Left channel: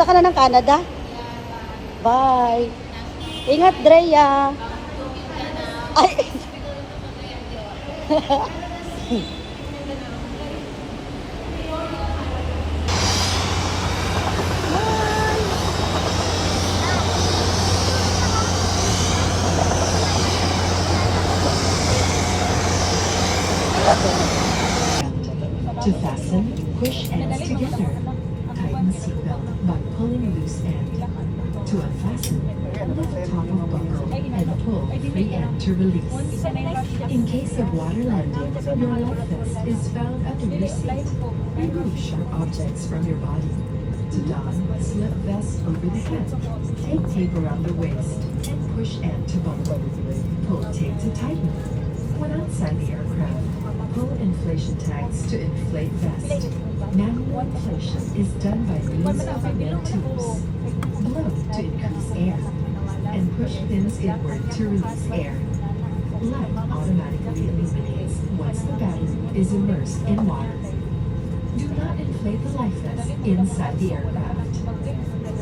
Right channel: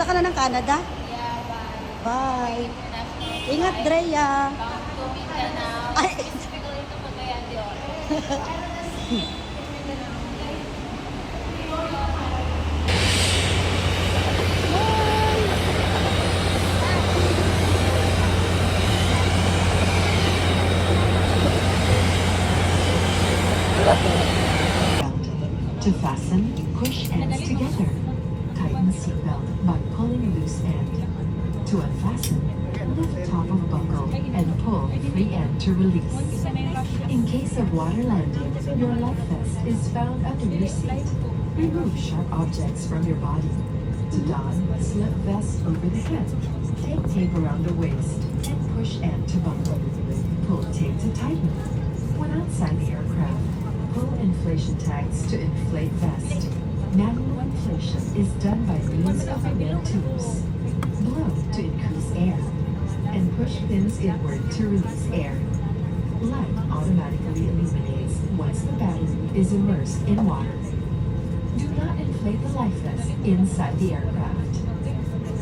Punta ka na ng Canada? Bye. Ingat, Drea. Ay. To fasten, push ends together. Tighten seatbelt by pulling loose end. To unfasten, lift top of buckle and pull free end to release. In case of water landing, your life vest is found under your seat. Remove sharp objects from your body. To don, slip vest over the head. Take tape around the waist and push end to buckle. Pull tape to tighten. When outside the aircraft, pull inflation tags to inflate vest. Manual inflation is done by means of red tubes. Blow to increase air, and push pins inward to release air. Light automatically illuminates once the battery is immersed in water. Do not inflate the life vest inside the aircraft.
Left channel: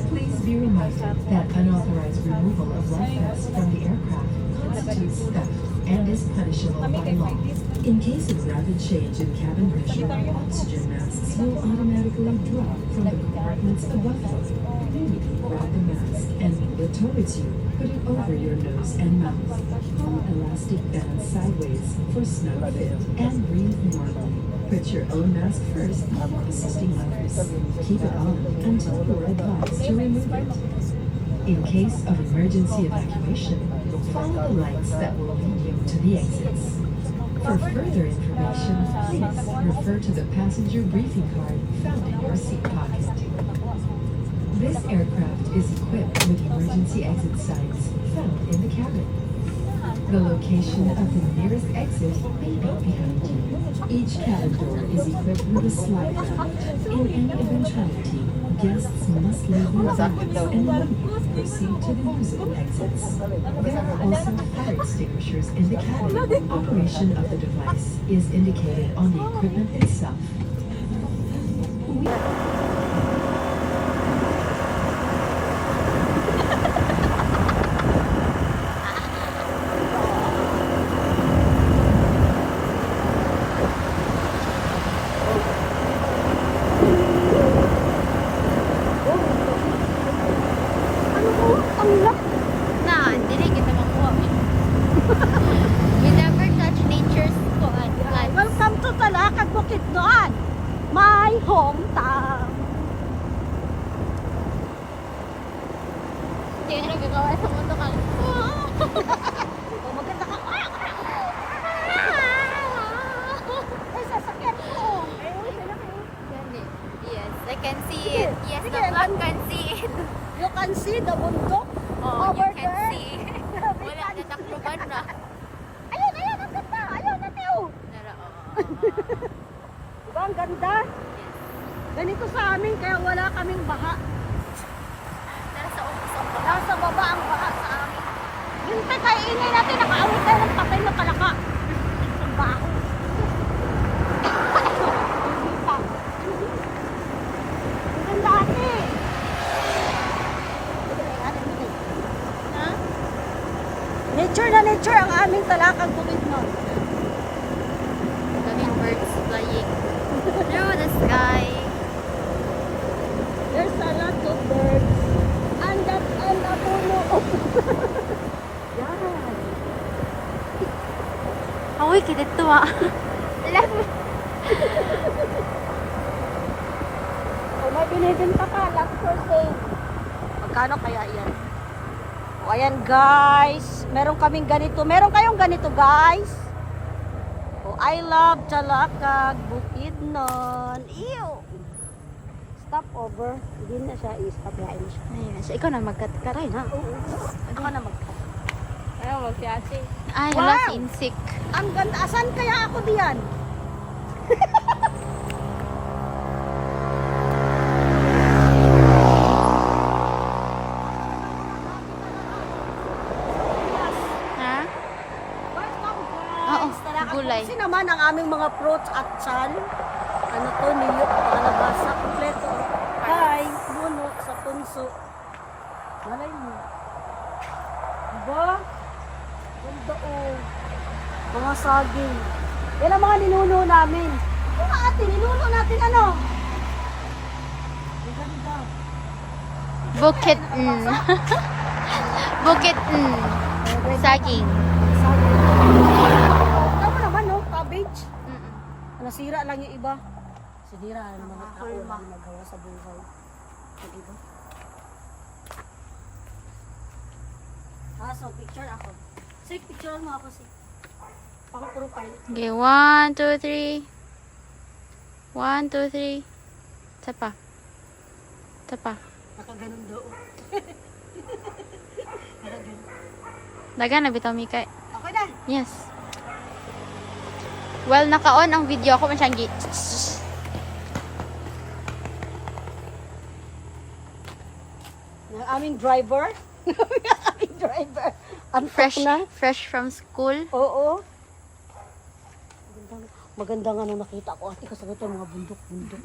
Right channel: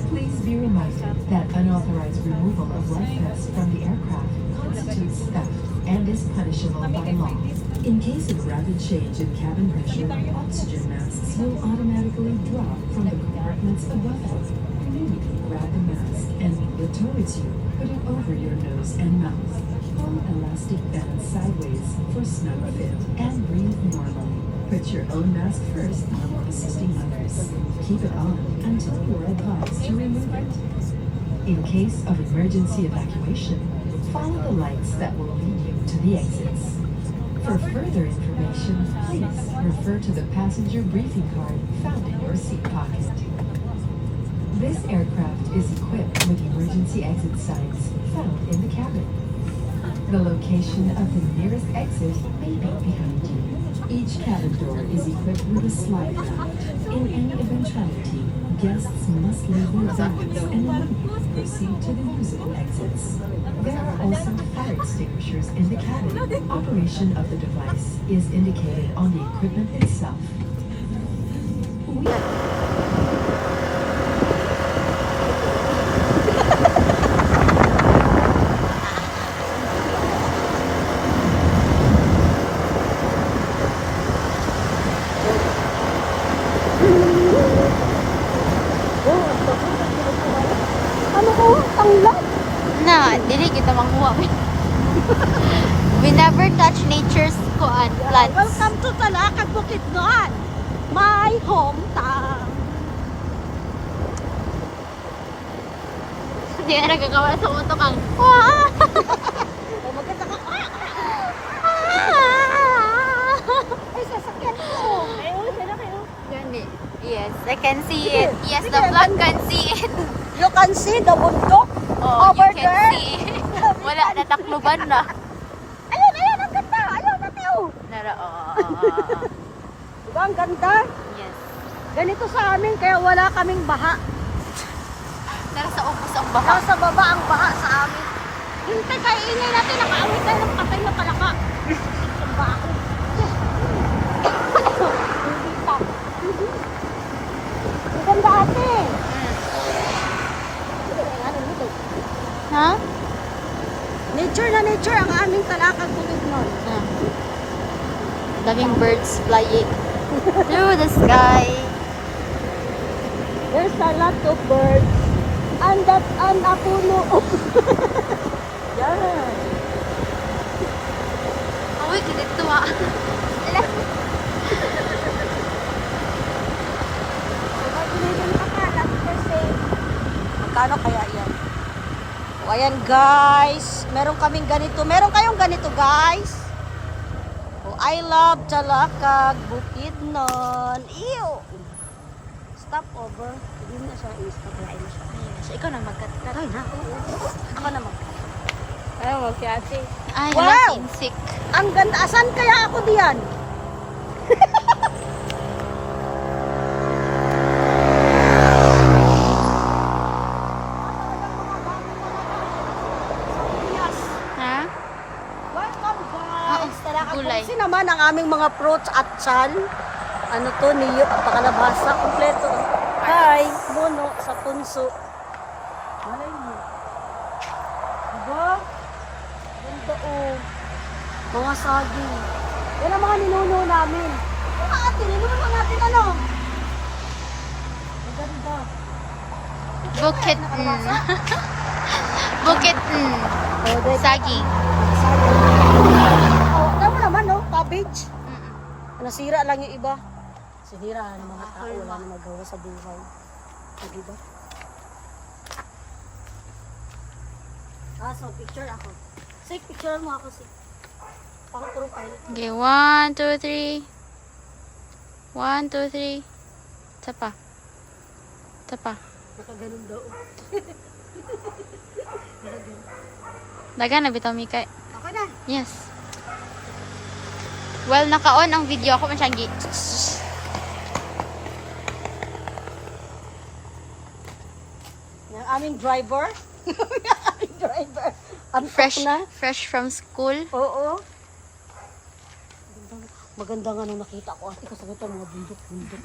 Please be reminded that unauthorized removal of life vest from the aircraft constitutes theft and is punishable by law. In case of rapid change in cabin pressure, oxygen masks will automatically drop from the compartments above you. Immediately grab the mask and move it towards you. Put it over your nose and mouth. Pull elastic bands sideways for snug fit and breathe normally. Put your own mask first before assisting others. Keep it on until you are advised to remove it. In case of emergency evacuation, follow the lights that will lead you to the exits. For further information, please refer to the passenger briefing card found in your seat pocket. This aircraft is equipped with emergency exit signs found in the cabin. The location of the nearest exit may be behind you. Each cabin door is equipped with a slide rail. In any eventuality, guests must leave their bags and immediately proceed to the usable exits. There are also fire extinguishers in the cabin. Operation of the device is indicated on the equipment itself. Ano ko? Tanglat? Na, dili kita makuha. We never touch nature's plants. Welcome to Talakag, Bukidnon, my hometown. Hindi ka nagagawa sa mundo kang Oh, maganda ka. Ay, sasakyan ko. Gani. Yes, I can see it. Yes, the vlog can see it. You can see the bundok Oh, over you can there. see. Wala na takluban na. Ayun, ayun, ang ganda. Ayun, natin. Nara, Diba, ang ganda? Yes. Ganito sa amin, kaya wala kaming baha. Nara sa ubos ang baha. Nasa baba ang baha sa amin. Yung kakainin natin, nakaawit tayo ng patay na palaka. Ang baho. Hindi pa. Ang ganda ate. Ha? Nature na nature ang aming Talakag, Bukidnon. Daming birds flying through the sky. There's a lot of birds. And that an apuno. Yan. Awi, kinit tuwa. Kung mabunodin pa pa, not for sale. Magkano kaya yan? O ayan guys, meron kaming ganito. Meron kayong ganito guys? O I love Talakag, Bukidnon. Ew! Stop over. Hindi na siya i-stop line siya. Ayun na siya. Ikaw na magkat-kat. Ay na, oo. Ako na mag Ay, Wow! hala, sinsik. Ang ganda. Asan kaya ako diyan? Ha? Welcome guys! Oo, Talakag. gulay. Kasi naman ang aming mga fruits at chan. Ano to, niyok, nakalabasa, kompleto. barangay, Mono, sa Punso. Malay mo. Diba? Ganda oh. Mga saging. Yan ang mga ninuno namin. Mga ate, ninuno natin ano? Ang ganda. Bukit Bukit Saging. Oh, tama naman no, cabbage. Mm-mm. Nasira lang yung iba. Sinira ang mga tao Hulma. na nagawa sa buhay. Diba? So picture ako. Say, picture mo ako si pang profile. Okay, 1, 2, 3. 1, 2, 3. Isa pa. Isa pa. Nakaganon daw. Nakaganon. Dagan na bitaw Mika. Okay na. Yes. Well, naka-on ang video ako masyang Yung aming driver. Aming driver. Ang fresh na. fresh from school. Oo. Magandang ano nakita ko. Ikaw sabi ito mga bundok-bundok.